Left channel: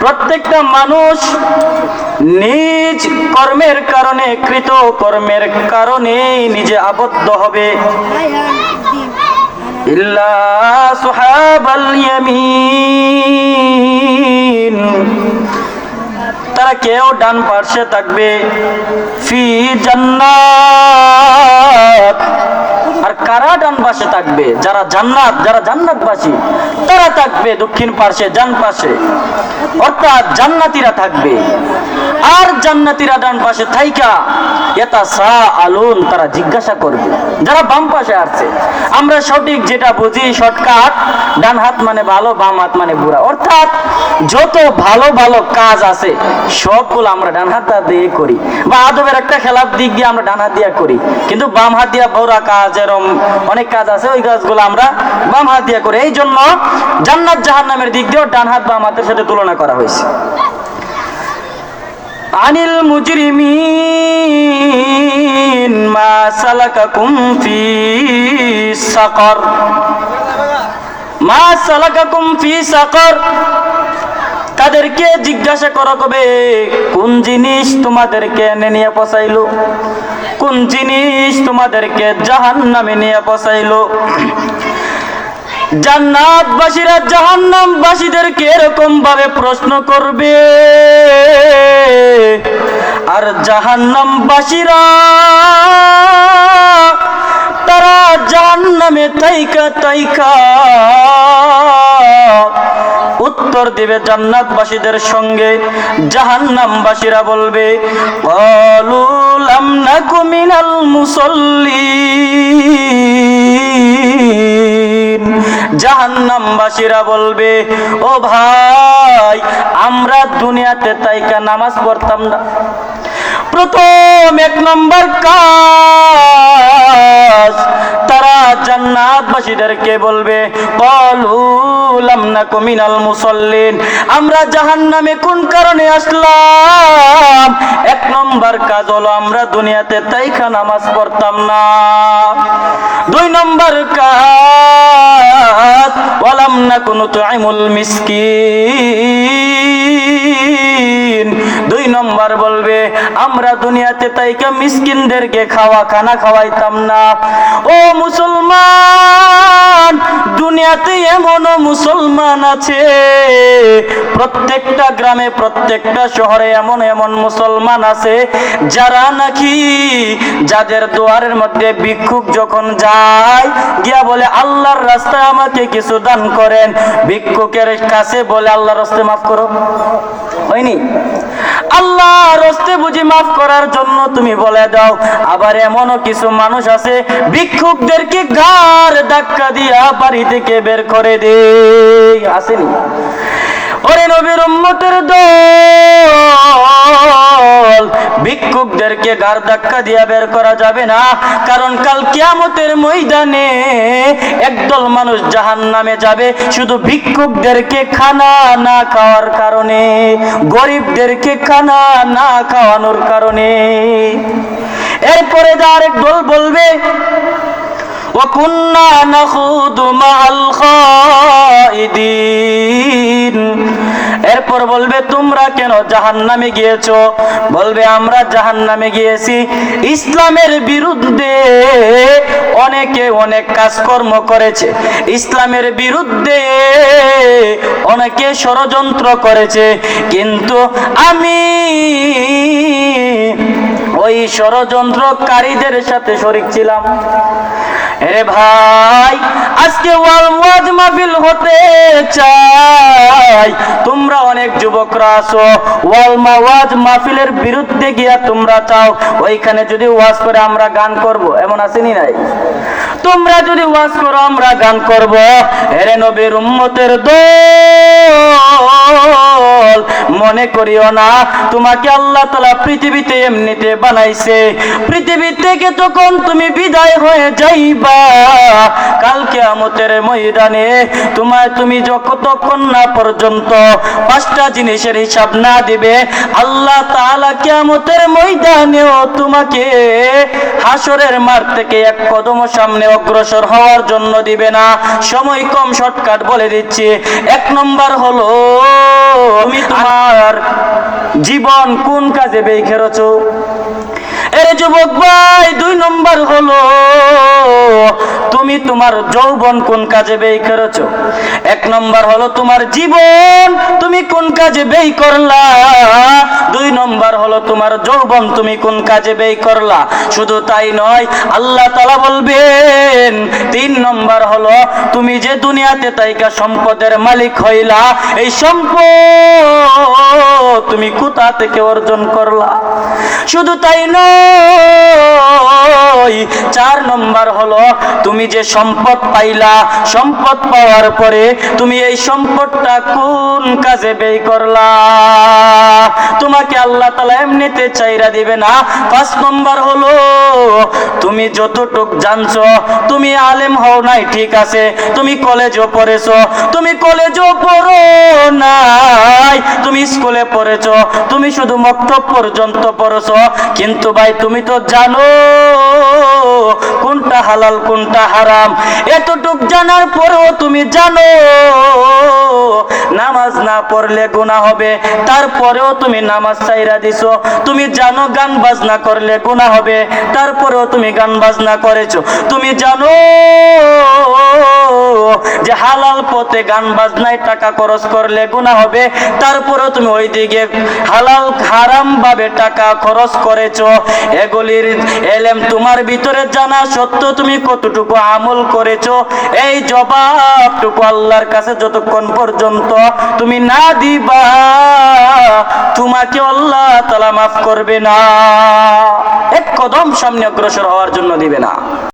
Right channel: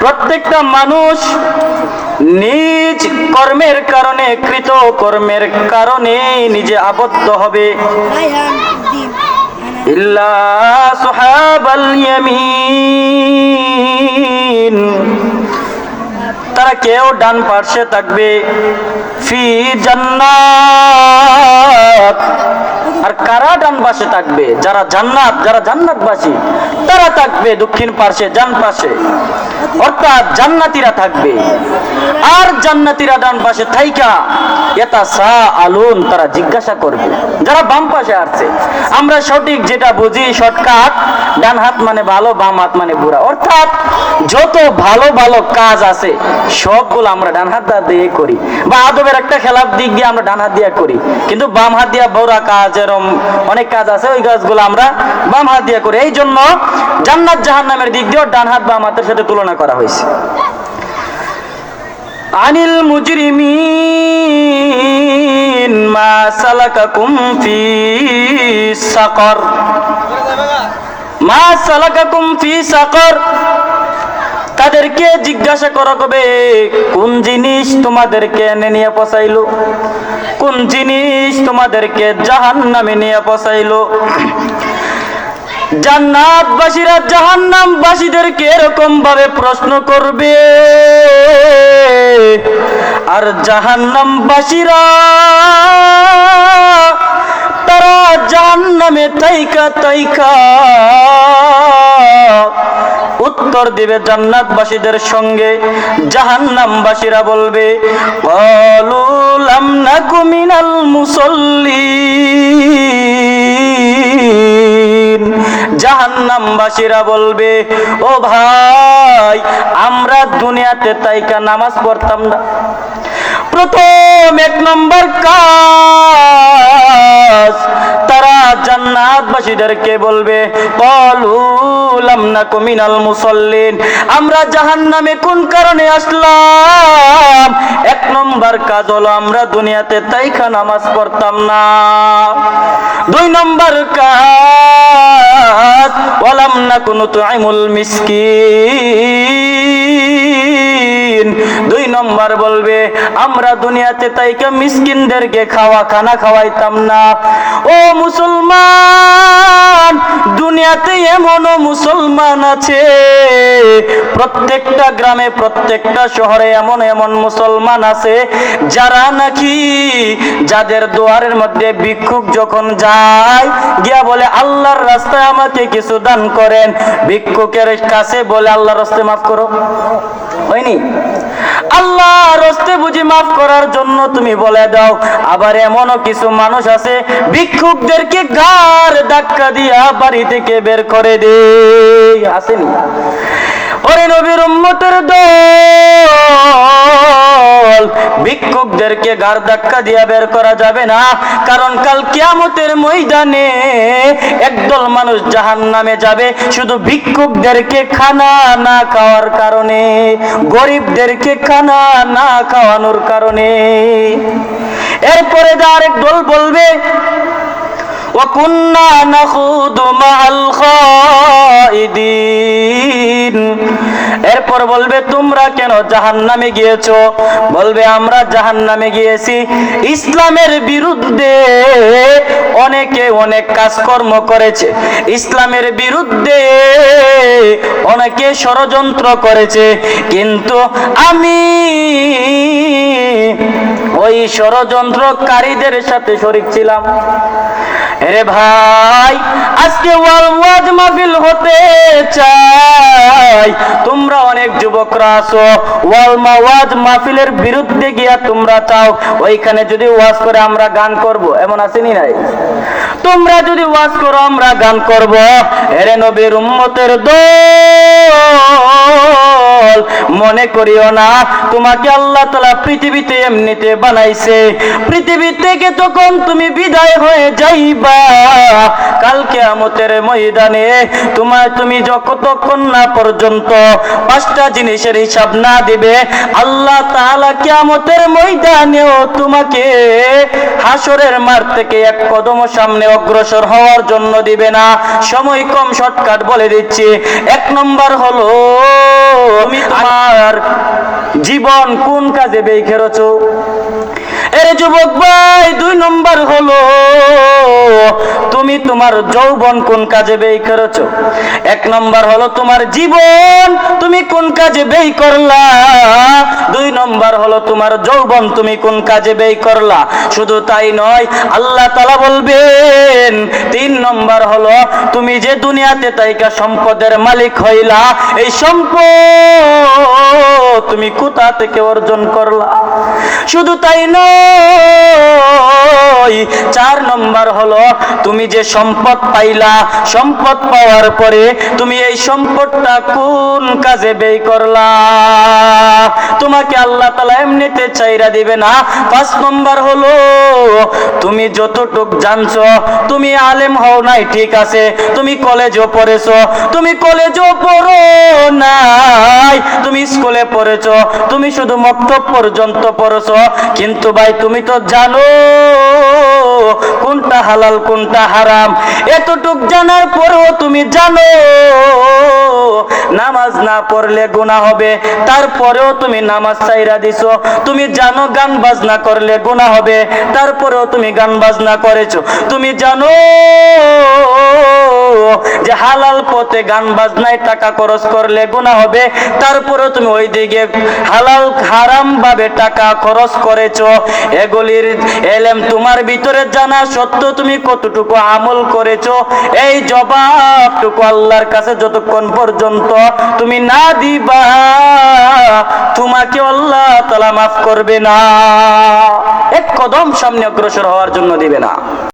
প্রত্যেকটা মানুষ নিজ কর্মের কারণে কৃত কর্মের কারণে নিজে আবদ্ধ হবে। তারা কেউ ডান পার্শ্বে থাকবে। ফি জান্নাত। আর কারা ডান পাশে থাকবে? যারা জান্নাত, যারা জান্নাতবাসী, তারা থাকবে দক্ষিণ পার্শ্বে, ডান পাশে অর্থাৎ জান্নাতীরা থাকবে। আর জান্নাতীরা ডান পাশে থাইকা এটা সা আলুন তারা জিজ্ঞাসা করবে। যারা বাম পাশে আসছে, আমরা সঠিক যেটা বুঝি, শর্টকাট, ডান হাত মানে ভালো, বাম হাত মানে বুড়া। অর্থাৎ যত ভালো ভালো কাজ আছে, সবগুলো আমরা ডান হাত দিয়ে করি। বা আদবের একটা খেলার দিক দিয়ে আমরা ডান হাত দিয়ে করি। কিন্তু বাম হাত দিয়ে বড়া কাজ এরম অনেক কাজ আছে, ওই কাজগুলো আমরা বাম হাত দিয়ে করি। এই জন্য জান্নাত জাহান্নামের দিক দিয়েও ডান হাত বাম হাতের সাথে তুলনা করা হয়েছে। আনিল মুজরিমিন মা সালাকাকুম ফি সাকর। মা সালাকাকুম ফি সাকর। তাদেরকে জিজ্ঞাসা করা কবে? কোন জিনিস তোমাদেরকে এনে নিয়ে পচাইলো? কোন জিনিস তোমাদেরকে জাহান নামে নিয়ে পচাইলো জান্নাতবাসীরা জাহান্নামবাসীদেরকে এরকম ভাবে প্রশ্ন করবে। আর জাহান্নামবাসীরা, তারা জাহান্নামে তাইকা তাইকা উত্তর দিবে জান্নাতবাসীদের সঙ্গে, জাহান্নামবাসীরা বলবে, কলু লাম নাকু মিনাল জাহান্নামবাসীরা বলবে, ও ভাই, আমরা দুনিয়াতে তাইকা নামাজ পড়তাম না। প্রথম এক নম্বর কাজ। তারা জান্নাতবাসীদেরকে বলবে কমিনাল মুসল্লিন। আমরা জাহান্নামে কোন কারণে আসলাম? এক নম্বর কাজ হলো, আমরা দুনিয়াতে তাইখা নামাজ পড়তাম না। দুই নম্বর কাজ, ওয়ালাম না কোনো তুআইমুল মিসকিন। নম্বর বলবে, আমরা দুনিয়াতে তাইকে মিসকিনদেরকে খাওয়া, খানা খাওয়াইতাম না। ও মুসলমান, দুনিয়াতে এমনও মুসলমান আছে। প্রত্যেকটা গ্রামে, প্রত্যেকটা শহরে এমন এমন মুসলমান আছে, যারা নাকি যাদের দুয়ারের মধ্যে ভিক্ষুক যখন যায়, গিয়া বলে, আল্লাহর রাস্তায় আমাকে কিছু দান করেন। ভিক্ষুকের কাছে বলে, আল্লাহর রাস্তায় মাফ করো। হয়নি। আল্লাহ রস্তে বুঝি মাফ করার জন্য তুমি বলে দাও, আবার এমনও কিছু মানুষ আছে, ভিক্ষুকদেরকে গার ধাক্কা দিয়া বাড়ি থেকে বের করে দে আসেনি। ওরে নবীর উম্মতের দল, ভিক্ষুকদেরকে গার ধাক্কা দিয়া বের করা যাবে না। কারণ কাল কিয়ামতের ময়দানে একদল মানুষ জাহান নামে যাবে, শুধু ভিক্ষুকদেরকে খানা না খাওয়ার কারণে, গরিবদেরকে খানা না খাওয়ানোর কারণে। এরপরে যে আরেক দল বলবে وكنا نخوض مع الخائدين এরপর বলবে তোমরা কেন জাহান্নামে গিয়েছো বলবে আমরা জাহান্নামে গিয়েছি ইসলামের বিরুদ্ধে অনেকে অনেক কাজকর্ম করেছে ইসলামের বিরুদ্ধে অনেকে ষড়যন্ত্র করেছে কিন্তু আমি ওই ষড়যন্ত্রকারীদের সাথে শরিক ছিলাম এরে ভাই, আজকে ওয়াজ মাহফিল হতে চাই। তোমরা অনেক যুবকরা আছো ওয়াল ওয়াজ মাহফিলের বিরুদ্ধে গিয়া তোমরা চাও। ওইখানে যদি ওয়াজ করে আমরা গান করব, এমন আসেনি নাই? তোমরা যদি ওয়াজ করো, আমরা গান করব। এরে নবীর উম্মতের দল, মনে করিও না, তোমাকে আল্লাহ তালা পৃথিবীতে এমনিতে বানাইছে। পৃথিবী থেকে তখন তুমি বিদায় হয়ে যাইবা। কালকে আমতের ময়দানে তোমায় তুমি যতক্ষণ না পর্যন্ত পাঁচটা জিনিসের হিসাব না দিবে, আল্লাহ তাআলা কিয়ামতের ময়দানেও তোমাকে হাসরের মার থেকে এক কদম সামনে অগ্রসর হওয়ার জন্য দিবে না। সময় কম শর্টকাট বলে দিচ্ছি। এক নম্বর হলো, তুমি তোমার জীবন কোন কাজে বেই খেরছো এর যুবক ভাই, দুই নম্বর হলো, তুমি তোমার যৌবন কোন কাজে ব্যয় করেছ? এক নম্বর হলো তোমার জীবন তুমি কোন কাজে ব্যয় করলা? দুই নম্বর হলো তোমার যৌবন তুমি কোন কাজে ব্যয় করলা? শুধু তাই নয়, আল্লাহ তালা বলবেন, তিন নম্বর হলো তুমি যে দুনিয়াতে তাইকা সম্পদের মালিক হইলা, এই সম্পদ তুমি কোথা থেকে অর্জন করলা? শুধু তাই নয় চার নম্বর হলো তুমি যে সম্পদ পাইলা, সম্পদ পাওয়ার পরে তুমি এই সম্পদটা কোন কাজে ব্যয় করলা? তোমাকে আল্লাহ তালা এমনিতে চাইরা দিবে না। পাঁচ নম্বর হলো, তুমি যতটুক জানছো, তুমি আলেম হও নাই, ঠিক আছে। তুমি কলেজও পড়েছো, তুমি কলেজও পড়ো নাই। তুমি স্কুলে পড়েছো, তুমি শুধু মক্তব পর্যন্ত পড়েছো। কিন্তু ভাই, তুমি তো জানো কোনটা হালাল, কোনটা হারাম। এতটুক জানার পরেও তুমি জানো, নামাজ না পড়লে গুনাহ হবে। তারপরেও তুমি নামাজ চাইরা দিছো। তুমি জানো গান বাজনা করলে গুনাহ হবে। তারপরেও তুমি গান বাজনা করেছ। তুমি জানো যে হালাল পথে গান বাজনায় টাকা খরচ করলে গুনাহ হবে। তারপরেও তুমি ওই দিকে হালাল, হারাম ভাবে টাকা খরচ করেছ। এগুলির এলেম তোমার ভিতরে জানা সত্ত্বেও তুমি কতটুকু আমল করেছ, এই জবাবটুকু আল্লাহর কাছে যতক্ষণ পর্যন্ত তুমি না দিবা তোমাকে আল্লাহ তালা মাফ করবে না। এক কদম সামনে অগ্রসর হওয়ার জন্য দিবে না।